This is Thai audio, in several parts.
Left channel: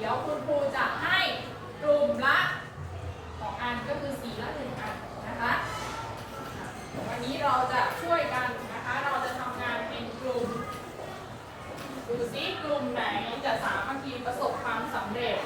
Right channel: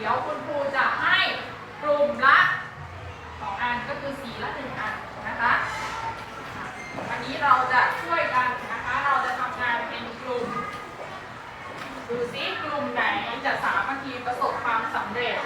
เดี๋ยวคุณครูจะให้กลุ่มละสองอันก็คือสีละหนึ่งอันนะคะ วันนี้เราจะช่วยกันนะคะ เราจะทำงานเป็นกลุ่ม ดูซิกลุ่มไหนจะสามัคคีประสบความสำเร็จ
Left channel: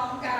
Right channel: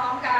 ร้อมกัน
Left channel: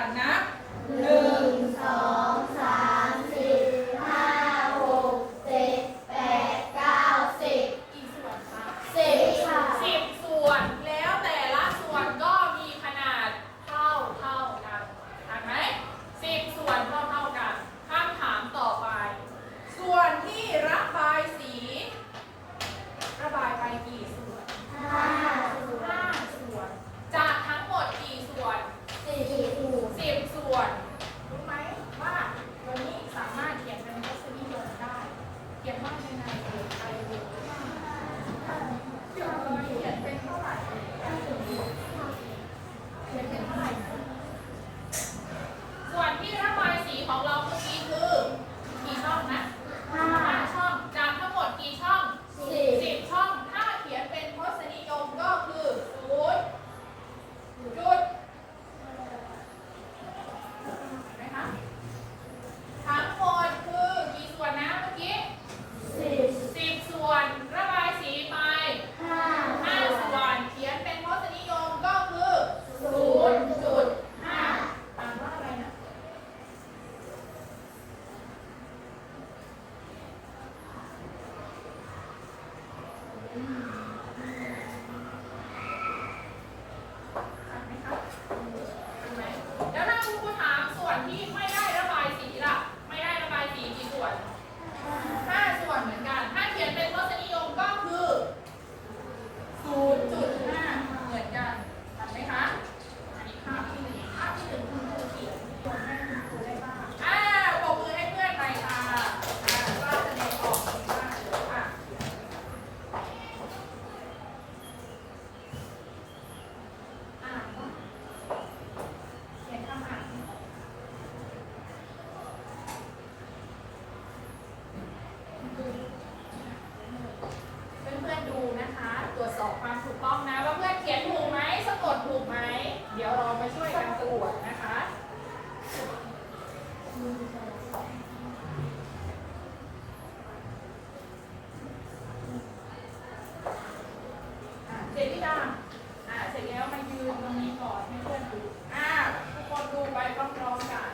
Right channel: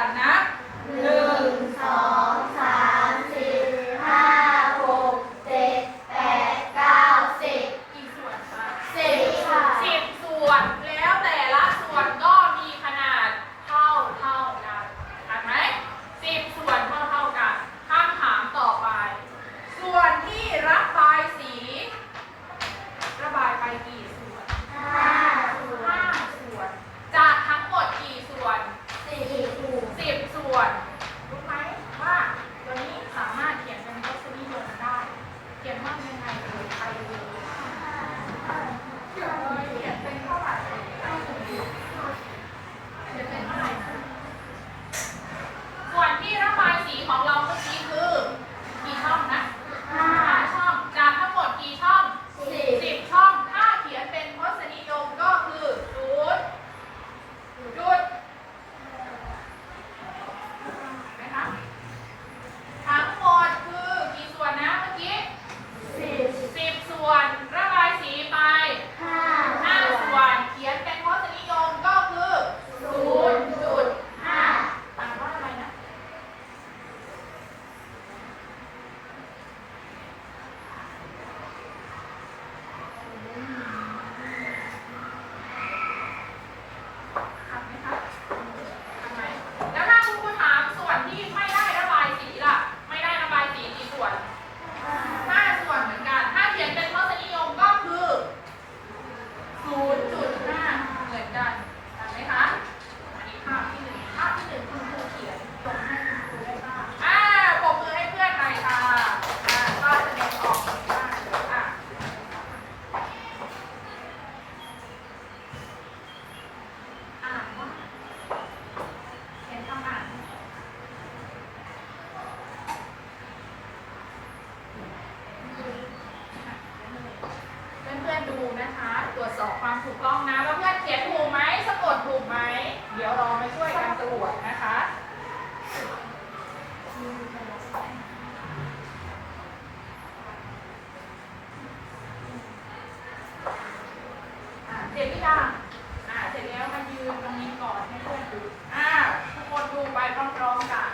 ๆกัน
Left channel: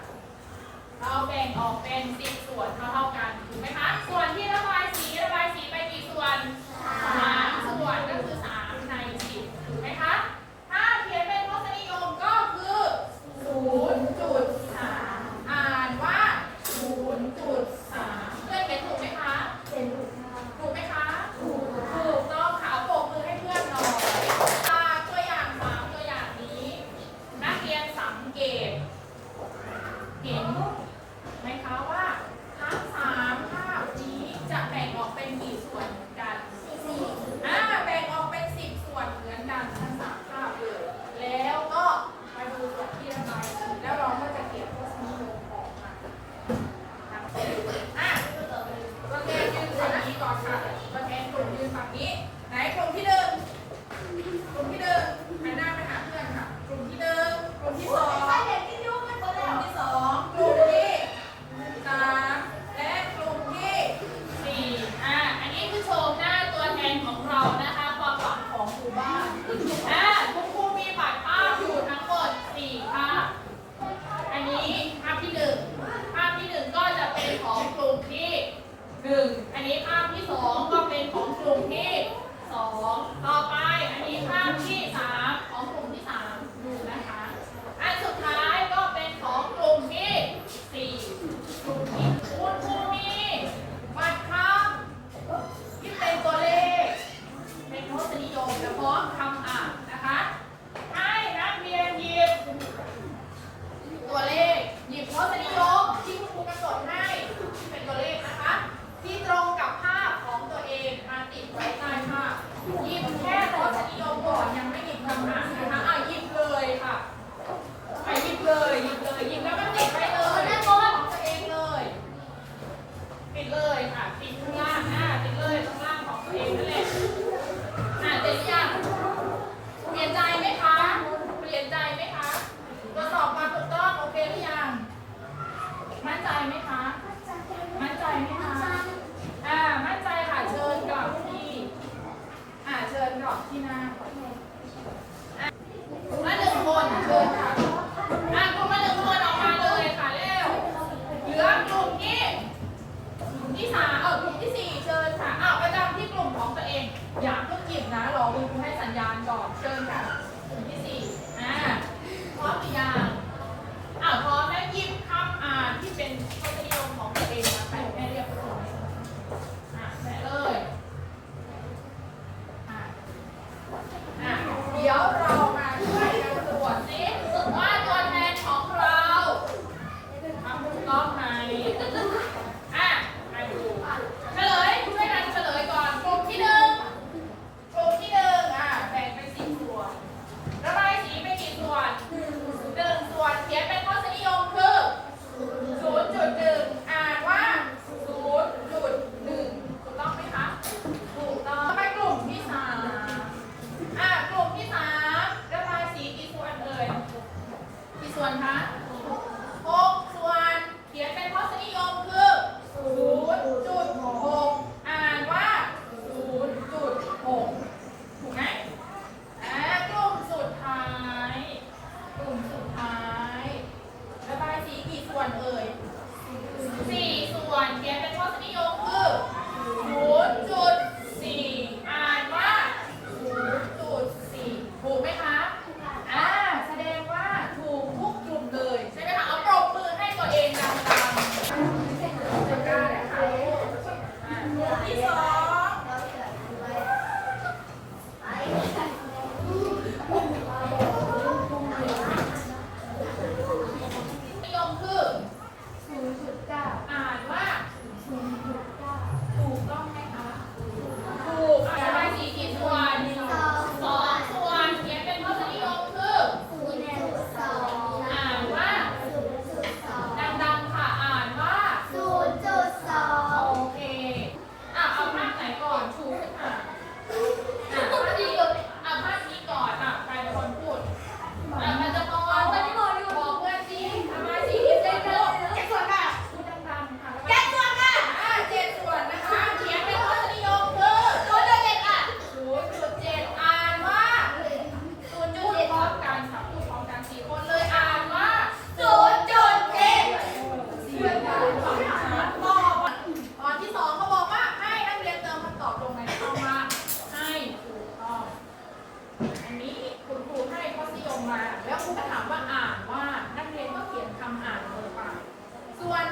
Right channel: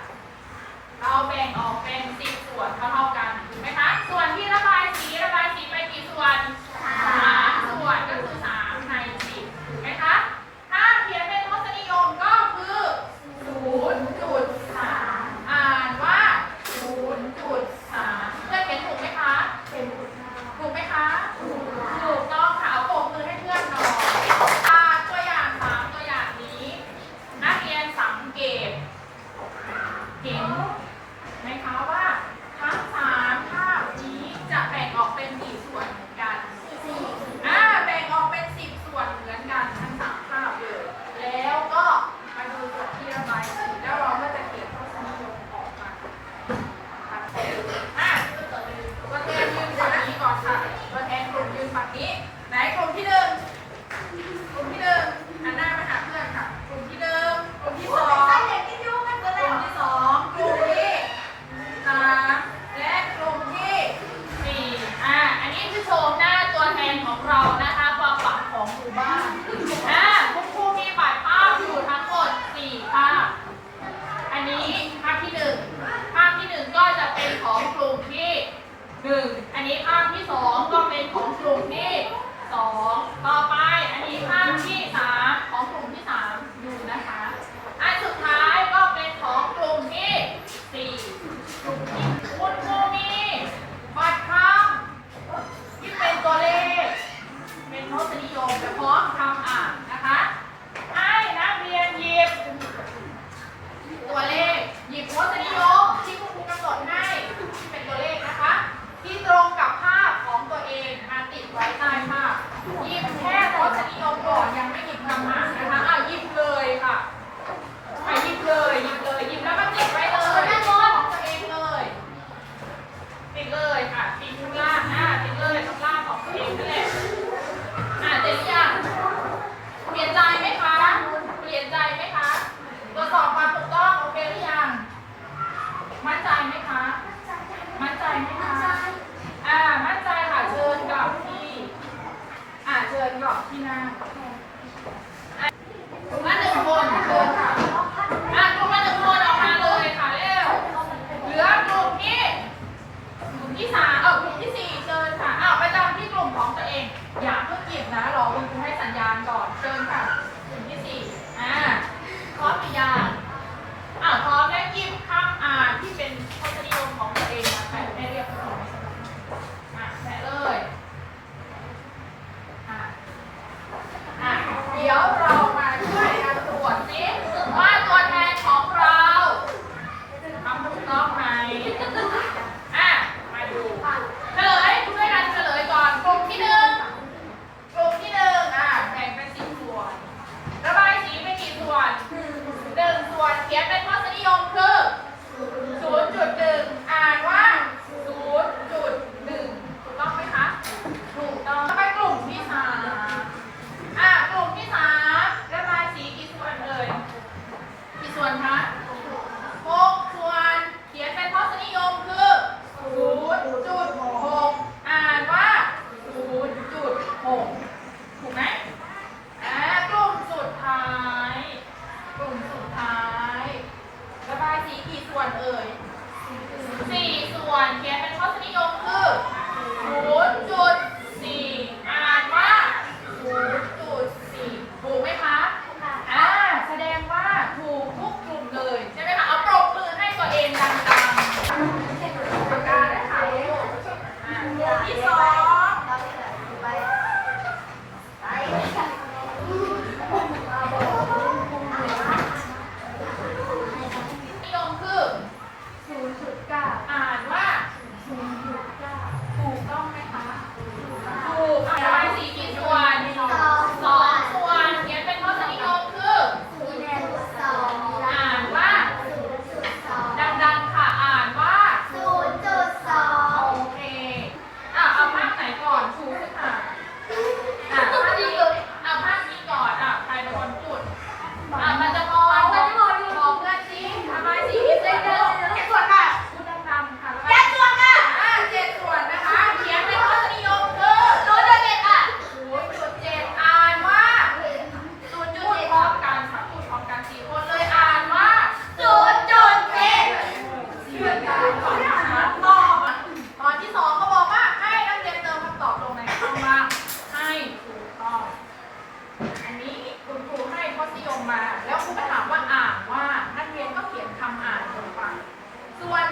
เราแบ่งออกเป็นสี่ส่วนเท่าเท่ากันถูกไหมคะ ส่วนที่ระบาย ดี๋ยวเรา ตอบตอนที่สองก็บอกว่าให้นักเรียนเติมคำตอบตงไหนเข้ามาให้ตองอันนี้ครูให้ข้อนิยมมา แล้วครูก็ถามว่าอ่านว่านักเรียนก็เขียนคำอ่านลงไป ส่วน